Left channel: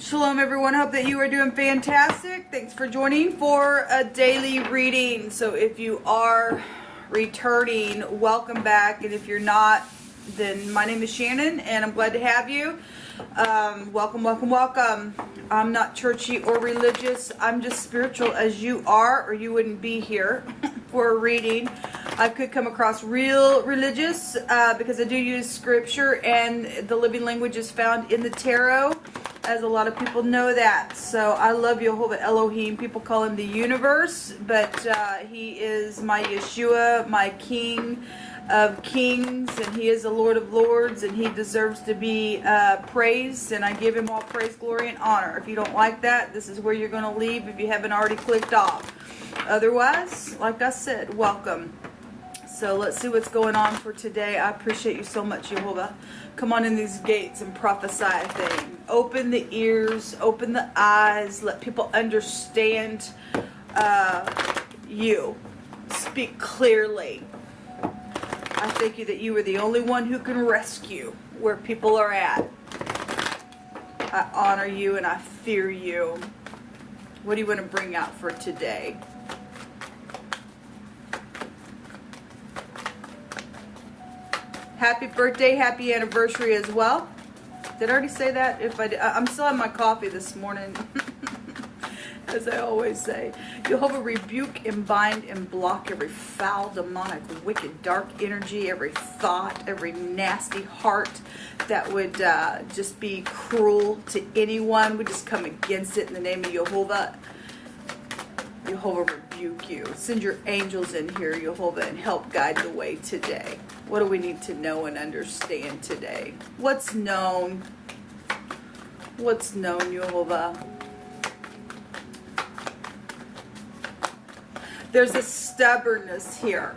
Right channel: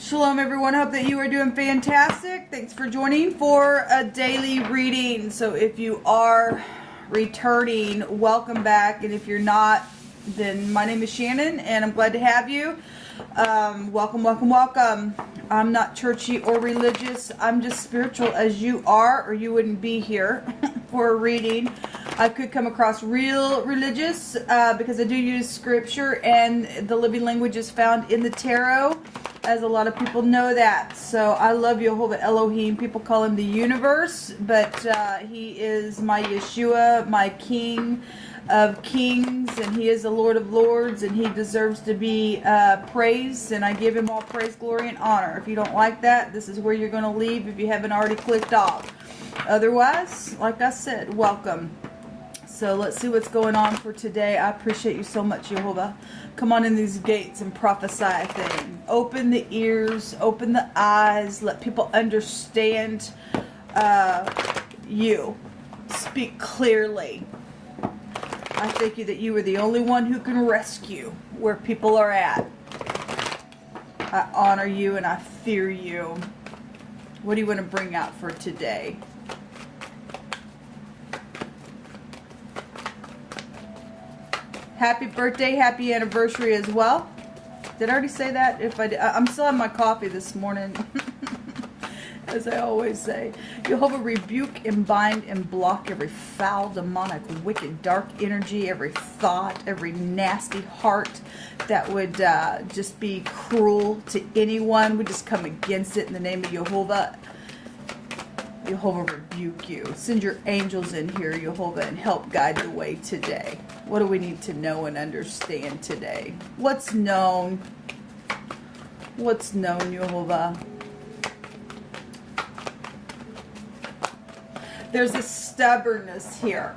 Shalom everyone, hope that you are doing fantastic. Thanks for joining for a daily reading. So if you are returning, welcome back. And if you're not, then my name is Shannon and I'm glad to have you. Welcome, welcome, welcome. I'm not churchy or religious. I'm just spiritual as you are, or you wouldn't be here for a reading. I could come across real religious because I do use scripture, and the living language is found in the tarot, as a lot of people know that. So I love Jehovah Elohim. People call him the universe, but he is my Yeshua, my King of Kings, and he is the Lord of Lords, and he deserves to be praised, and I give him all praise, glory, and honor. If you don't like that, this is where you're going to leave if you haven't already clicked off. Otherwise, like I said, welcome. So let's see what's going on for today. I appreciate you so much, Jehovah. Come on in these gates and prophesy a thing. Open the ears, open the eyes, let people understand you. Speak clearly. I thank you that you are the only one who can rescue where people are at. I honor you and I fear you. What do you want to bring out for today? Happy birthday, happy anniversary as well. Did I already say that? If I did, I'm still on my coffee this morning. As I always say, Jehovah, rebuke and bind and block every foul, demonic, wicked, dark energy, every thought, every nasty heart that would just be cruel to anyone. We just come against it in the name of Jehovah. Jehovah, rebuke you. Send your angels in here, Jehovah, and help guide the way today. What do we need to know and understand today? What's known? What's known, Jehovah? There's a stubbornness here.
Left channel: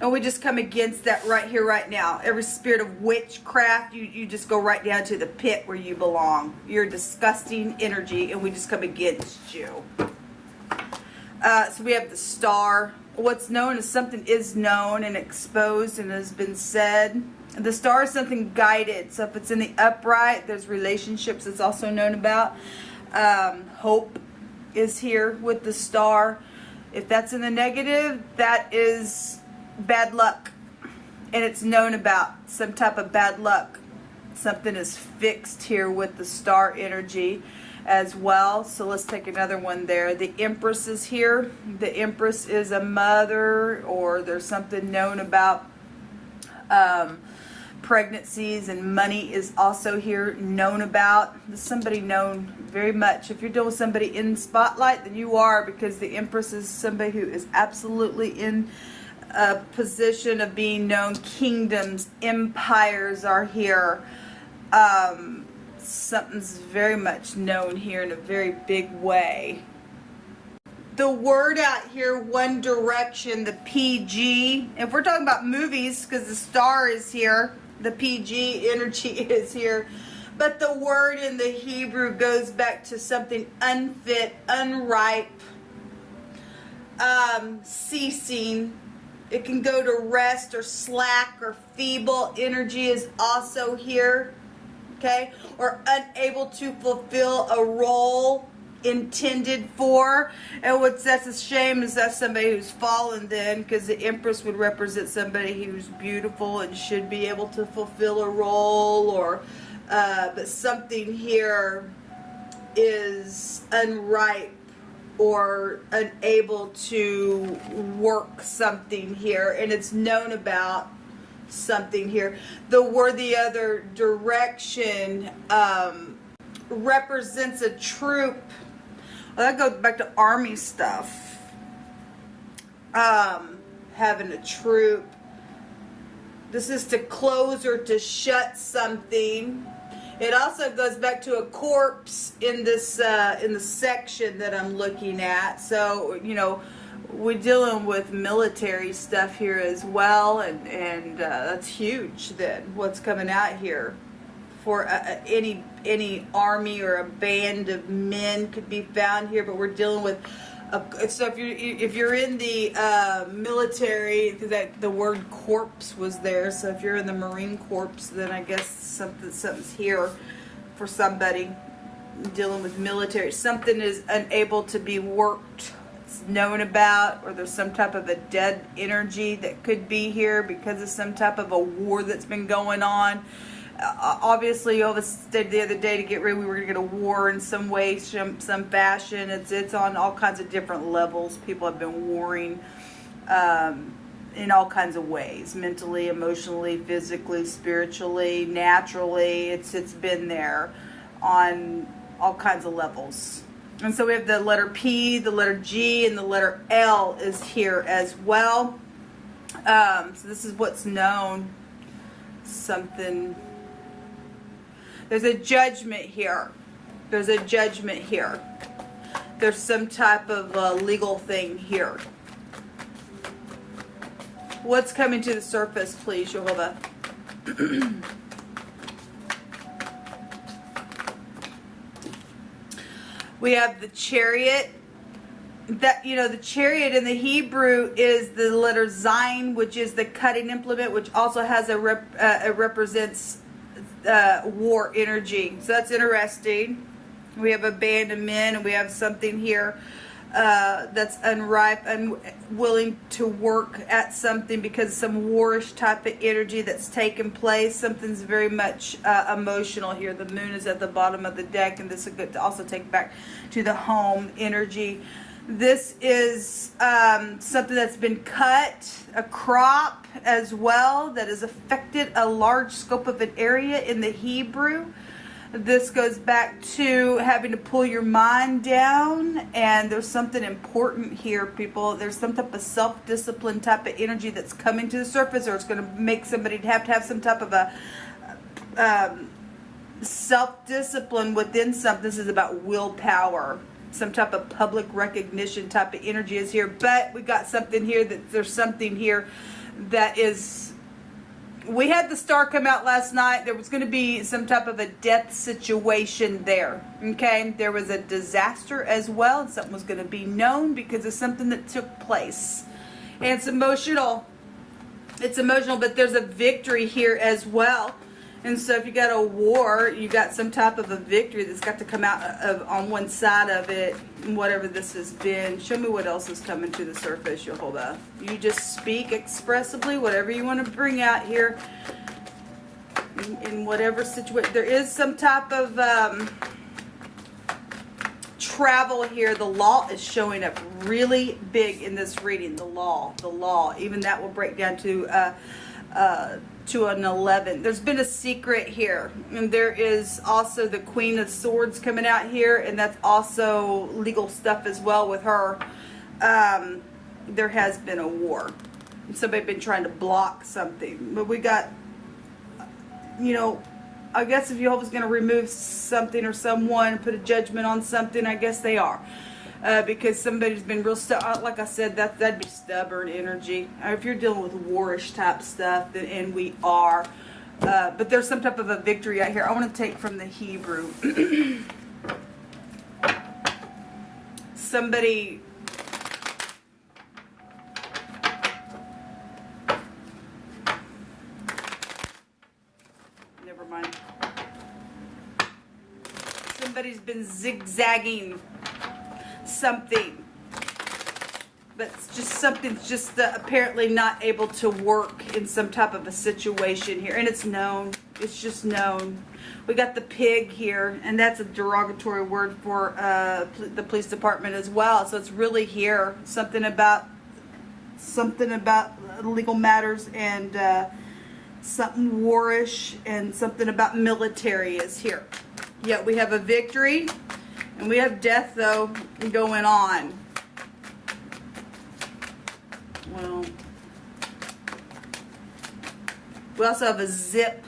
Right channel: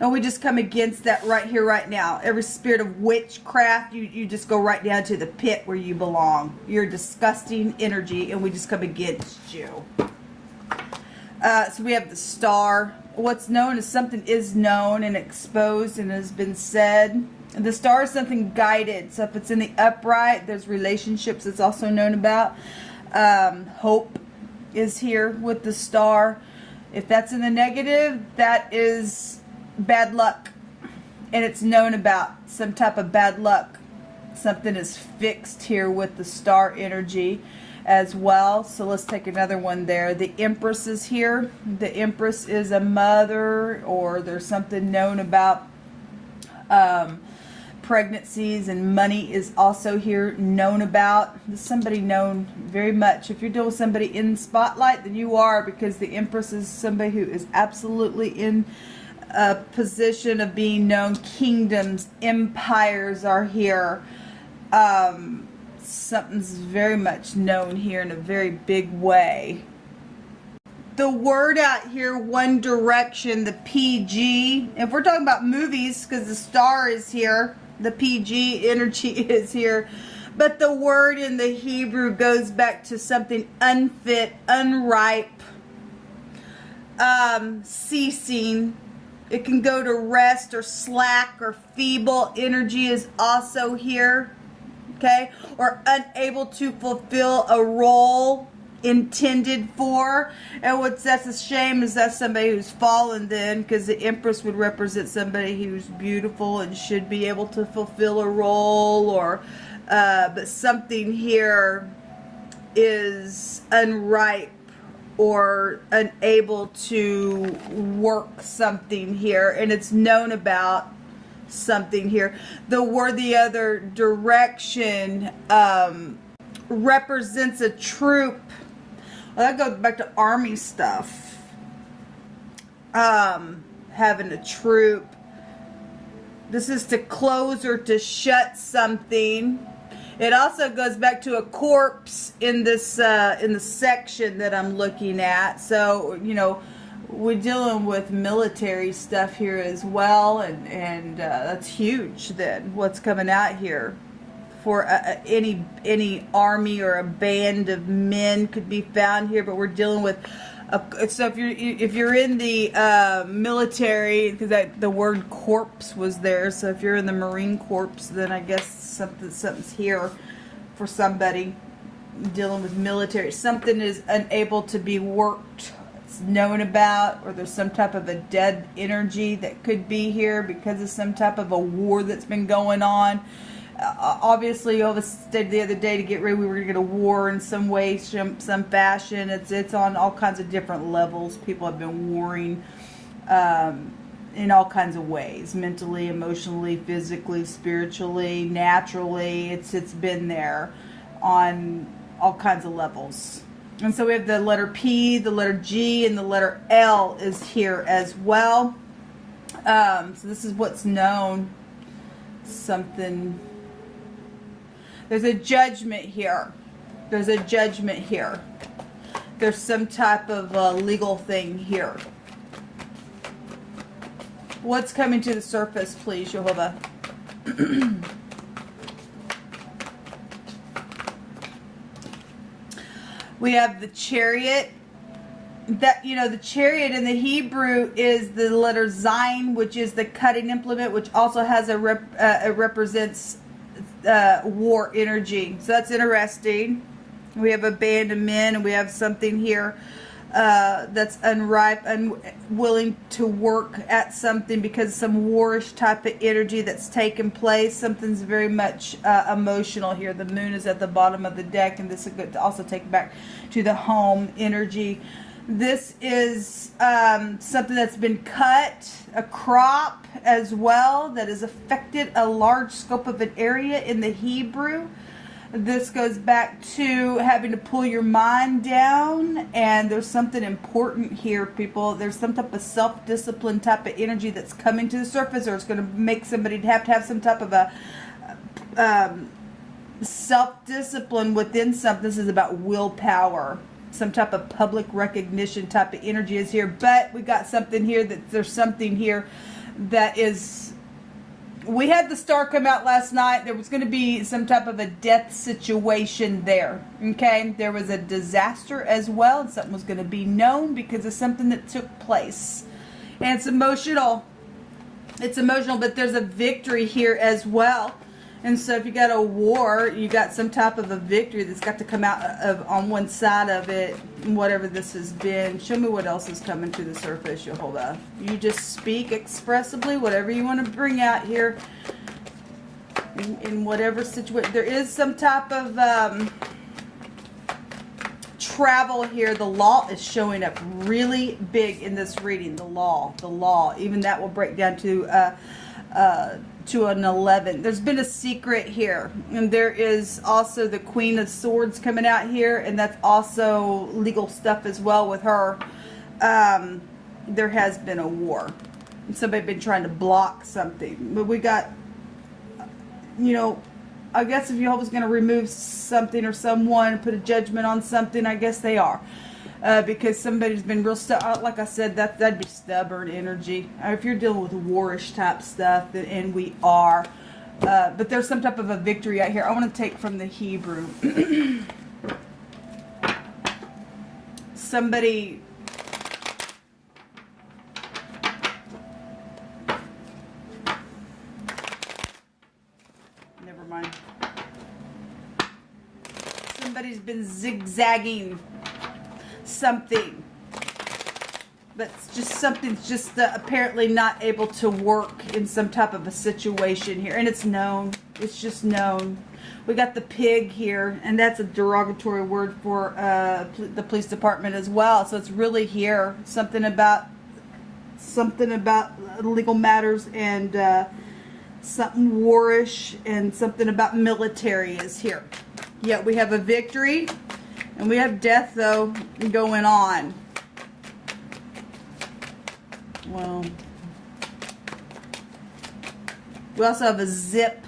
And we just come against that right here, right now. Every spirit of witchcraft, you just go right down to the pit where you belong. You're disgusting energy, and we just come against you. So we have the star. What's known is something is known and exposed and has been said. And the star is something guided. So if it's in the upright, there's relationships it's also known about. Hope is here with the star. If that's in the negative, that is bad luck, and it's known about some type of bad luck. Something is fixed here with the star energy as well. So let's take another one there. The Empress is here. The Empress is a mother, or there's something known about pregnancies, and money is also here known about. Somebody known very much. If you're dealing with somebody in the spotlight, then you are, because the Empress is somebody who is absolutely in a position of being known. Kingdoms, empires are here. Something's very much known here in a very big way. The word out here, One Direction, the PG. If we're talking about movies, because the star is here, the PG energy is here. But the word in the Hebrew goes back to something unfit, unripe, ceasing. It can go to rest or slack or feeble. Energy is also here, okay? Or unable to fulfill a role intended for. And that's a shame, is that somebody who's fallen then, because the Empress would represent somebody who's beautiful and should be able to fulfill a role, or but something here is unripe or unable to work something here, and it's known about something here. The word, the other direction, represents a troop. Well, that goes back to army stuff. Having a troop. This is to close or to shut something. It also goes back to a corpse in this in the section that I'm looking at. So, you know, we're dealing with military stuff here as well, and that's huge. Then what's coming out here for any army or a band of men could be found here, but we're dealing with. So if you're in the military, because the word corpse was there, so if you're in the Marine Corps, then I guess something's here for somebody dealing with military. Something is unable to be worked, known about, or there's some type of a dead energy that could be here because of some type of a war that's been going on. Obviously, all of us said the other day to get ready, we were going to get a war in some way, some fashion. It's on all kinds of different levels. People have been warring in all kinds of ways, mentally, emotionally, physically, spiritually, naturally. It's been there on all kinds of levels. And so we have the letter P, the letter G, and the letter L is here as well. So this is what's known. Something. There's a judgment here. There's a judgment here. There's some type of legal thing here. What's coming to the surface, please, Jehovah? We have the Chariot. That, you know, the Chariot in the Hebrew is the letter Zayin, which is the cutting implement, which also has it represents war energy. So that's interesting. We have abandonment, and we have something here that's unripe, unwilling to work at something because of some warish type of energy that's taken place. Something's very much emotional here. The moon is at the bottom of the deck, and this is good to also take back to the home energy. This is something that's been cut, a crop as well, that has affected a large scope of an area in the Hebrew. This goes back to having to pull your mind down, and there's something important here, people. There's some type of self-discipline type of energy that's coming to the surface, or it's going to make somebody have to have some type of a self-discipline within something. This is about willpower. Some type of public recognition type of energy is here, but we've got something here there's something here that is. We had the star come out last night. There was going to be some type of a death situation there. Okay, there was a disaster as well, and something was going to be known because of something that took place, and it's emotional. It's emotional, but there's a victory here as well. And so if you got a war, you got some type of a victory that's got to come out of on one side of it, whatever this has been. Show me what else is coming to the surface, Jehovah. You just speak expressively, whatever you want to bring out here in whatever situation. There is some type of travel here. The law is showing up really big in this reading. The law. Even that will break down to an 11. There's been a secret here, and there is also the Queen of Swords coming out here, and that's also legal stuff as well with her. There has been a war. Somebody's been trying to block something, but we got, you know, I guess if Jehovah's going to remove something or someone, put a judgment on something, I guess they are. Because somebody's been real like I said, that'd be stubborn energy. If you're dealing with warish type stuff, and we are, but there's some type of a victory out here. I want to take from the Hebrew. Somebody. Never mind. Somebody's been zigzagging something, but something's just apparently not able to work in some type of a situation here, and it's known. It's just known. We got the pig here, and that's a derogatory word for the police department as well. So it's really here something about legal matters, and something warish, and something about military is here. Yet we have a victory. And we have death, though, going on. Well, we also have a zip.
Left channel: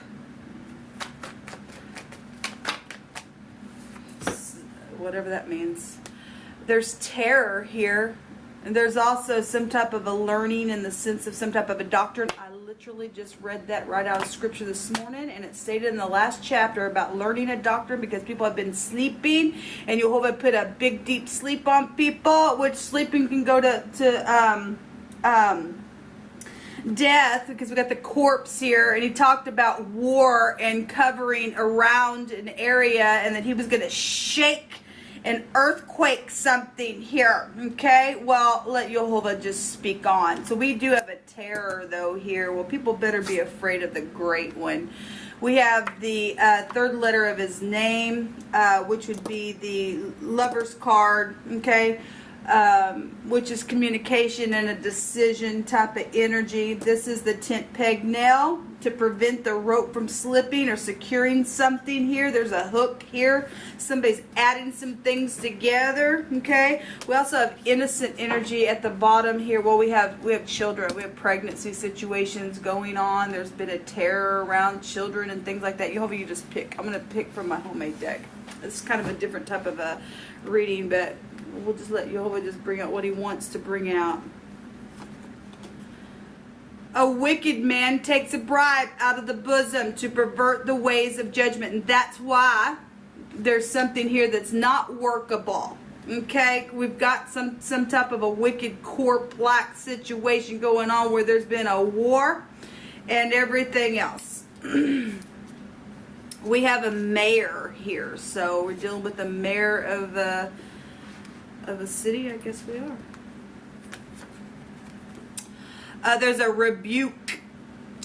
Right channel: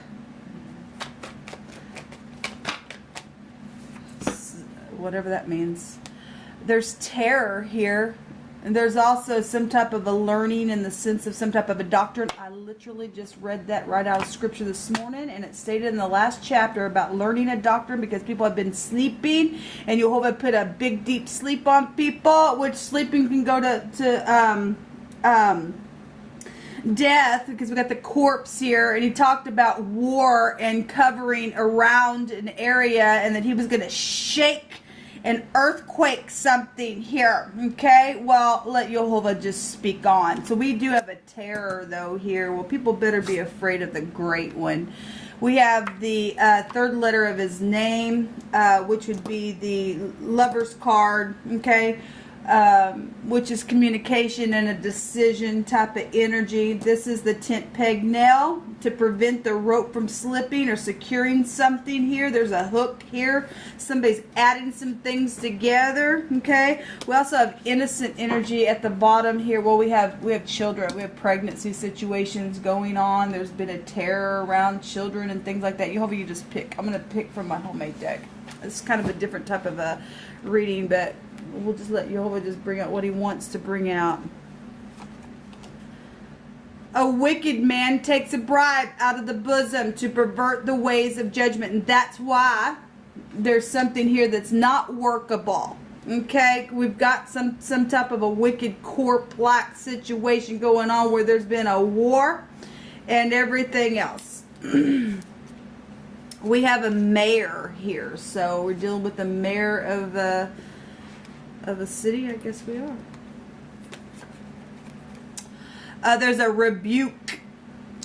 Whatever that means. There's terror here. And there's also some type of a learning in the sense of some type of a doctrine. I literally just read that right out of scripture this morning, and it stated in the last chapter about learning a doctrine because people have been sleeping, and Jehovah put a big deep sleep on people, which sleeping can go to death, because we got the corpse here, and he talked about war and covering around an area, and that he was going to shake an earthquake something here. Okay, well, let Jehovah just speak on. So we do have a terror though here. Well, people better be afraid of the great one. We have the third letter of his name, which would be the Lover's card, okay, which is communication and a decision type of energy. This is the tent peg nail to prevent the rope from slipping or securing something here. There's a hook here. Somebody's adding some things together, okay. We also have innocent energy at the bottom here. Well, we have children. We have pregnancy situations going on. There's been a terror around children and things like that. You hope you just pick. I'm going to pick from my homemade deck. It's kind of a different type of a reading, but we'll just let Jehovah just bring out what he wants to bring out. A wicked man takes a bribe out of the bosom to pervert the ways of judgment. And that's why there's something here that's not workable. Okay? We've got some type of a wicked corp-like situation going on where there's been a war and everything else. We have a mayor here. So we're dealing with the mayor of a city, I guess we are. There's a rebuke,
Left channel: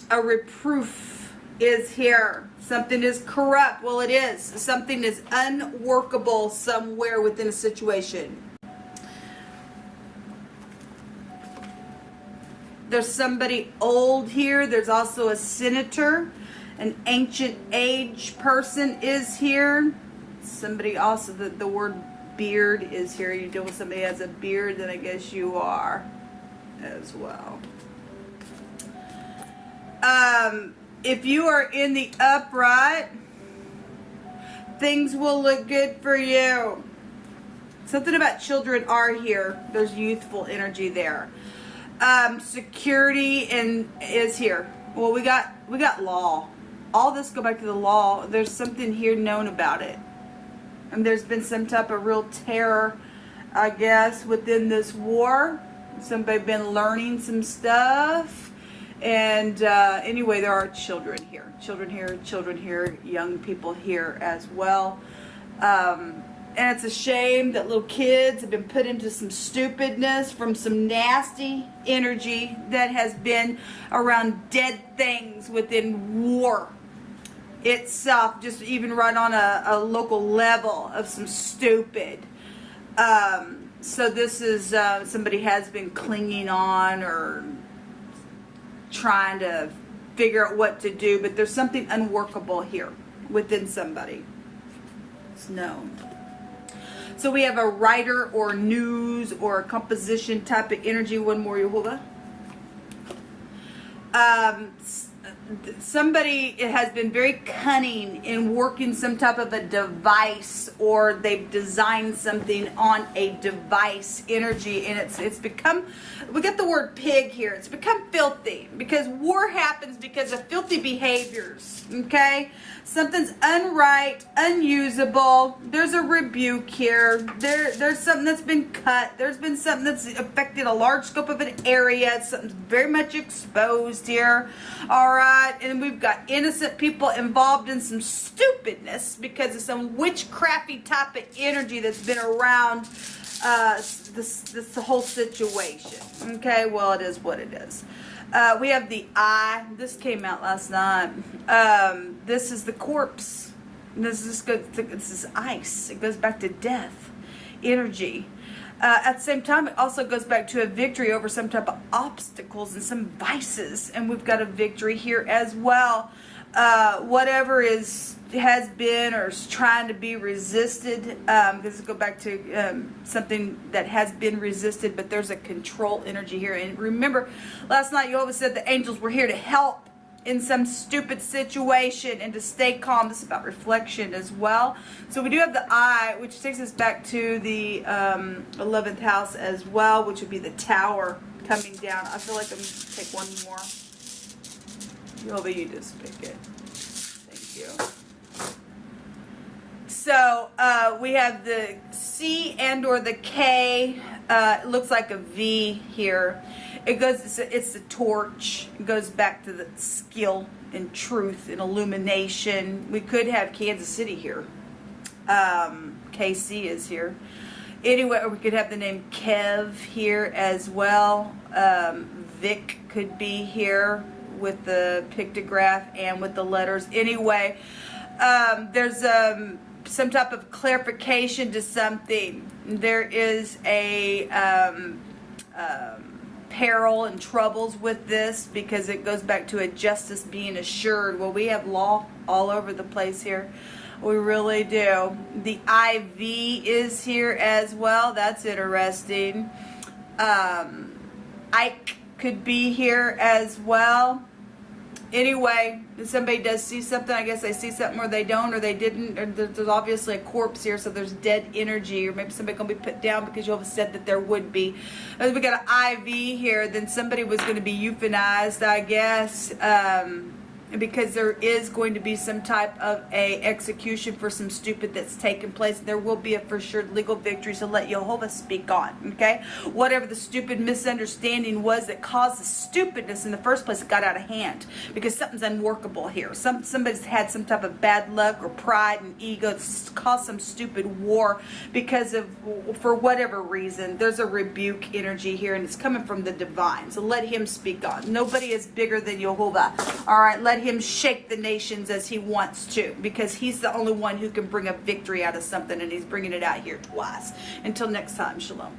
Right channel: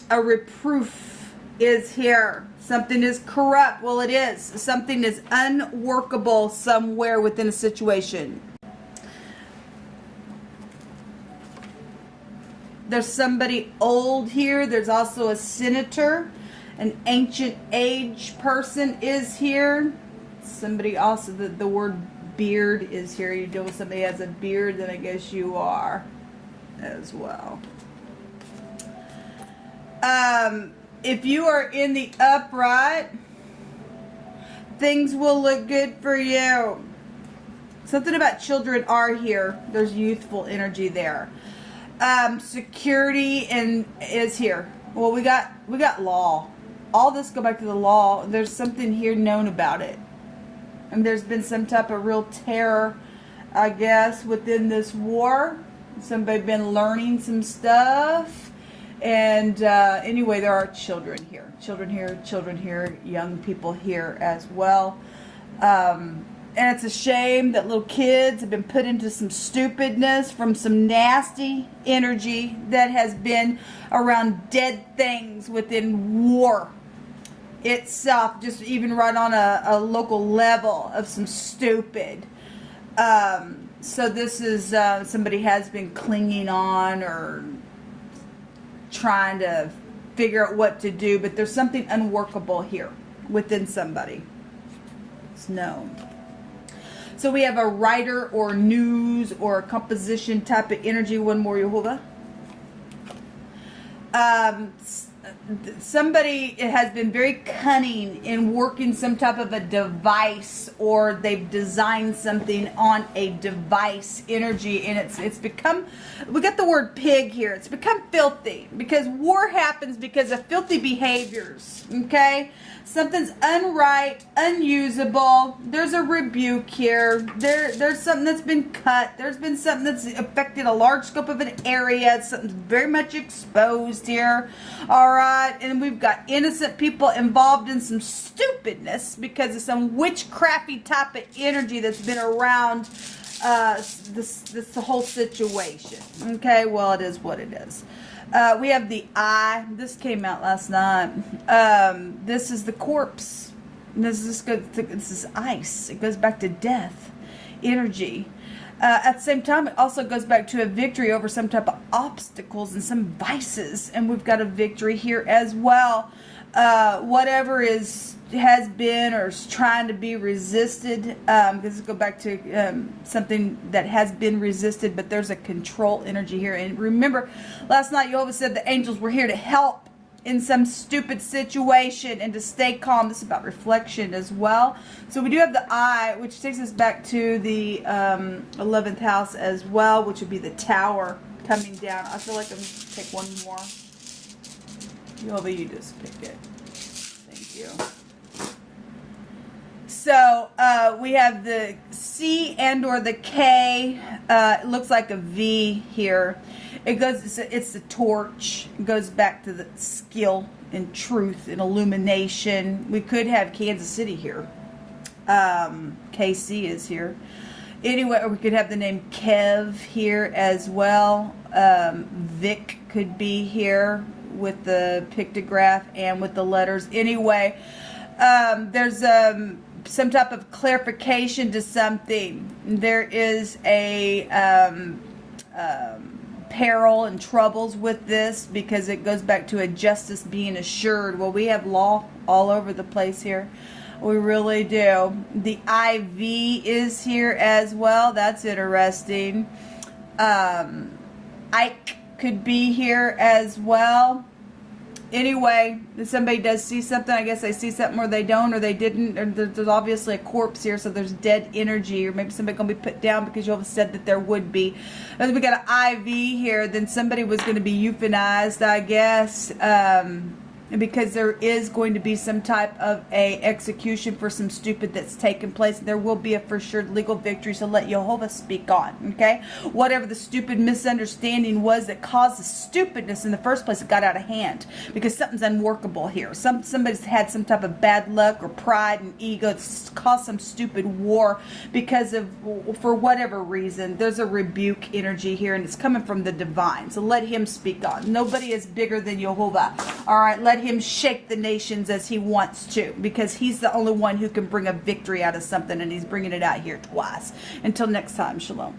a reproof is here. Something is corrupt. Well, it is. Something is unworkable somewhere within a situation. There's somebody old here. There's also a senator. An ancient age person is here. Somebody also, the word beard is here. You deal with somebody who has a beard, then I guess you are as well. If you are in the upright, things will look good for you. Something about children are here. There's youthful energy there. Security is here. Well, we got law. All this go back to the law. There's something here known about it. And there's been some type of real terror, I guess, within this war. Somebody been learning some stuff. And anyway, there are children here. Children here, young people here as well. And it's a shame that little kids have been put into some stupidness from some nasty energy that has been around dead things within war itself, just even right on a local level of some stupid. So this is somebody has been clinging on or trying to figure out what to do, but there's something unworkable here within somebody. It's known. So we have a writer or news or a composition type of energy. One more, Jehovah. Somebody has been very cunning in working some type of a device, or they've designed something on a device energy, and it's become, we got the word pig here, it's become filthy, because war happens because of filthy behaviors, okay? Something's unright, unusable. There's a rebuke here. There's something that's been cut. There's been something that's affected a large scope of an area. Something's very much exposed here. All right. And we've got innocent people involved in some stupidness because of some witchcrafty type of energy that's been around this whole situation. Okay. Well, it is what it is. We have the eye. This came out last night. This is the corpse. This is ice. It goes back to death, energy. At the same time, it also goes back to a victory over some type of obstacles and some vices. And we've got a victory here as well. Whatever has been or is trying to be resisted. This will go back to something that has been resisted, but there's a control energy here. And remember, last night Jehovah said the angels were here to help in some stupid situation and to stay calm. This is about reflection as well. So we do have the eye, which takes us back to the 11th house as well, which would be the tower coming down. I feel like I'm going to take one more. Jehovah, you just pick it. Thank you. So we have the C and or the K. It looks like a V here. It's the torch. It goes back to the skill and truth and illumination. We could have Kansas City here. KC is here. Anyway, we could have the name Kev here as well. Vic could be here with the pictograph and with the letters. Anyway, there's some type of clarification to something. There is a peril and troubles with this because it goes back to a justice being assured. Well, we have law all over the place here. We really do. The IV is here as well. That's interesting. Ike could be here as well. Anyway, if somebody does see something, I guess they see something or they don't or they didn't. Or there's obviously a corpse here, so there's dead energy. Or maybe somebody going to be put down because you all said that there would be. As we got an IV here, then somebody was going to be euthanized, I guess. Because there is going to be some type of a execution for some stupid that's taken place. There will be a for sure legal victory, so let Jehovah speak on, okay? Whatever the stupid misunderstanding was that caused the stupidness in the first place, it got out of hand because something's unworkable here. Somebody's had some type of bad luck or pride and ego to cause some stupid war because of, for whatever reason, there's a rebuke energy here, and it's coming from the divine. So let him speak on. Nobody is bigger than Jehovah. All right, let him shake the nations as he wants to, because he's the only one who can bring a victory out of something, and he's bringing it out here twice. Until next time, shalom.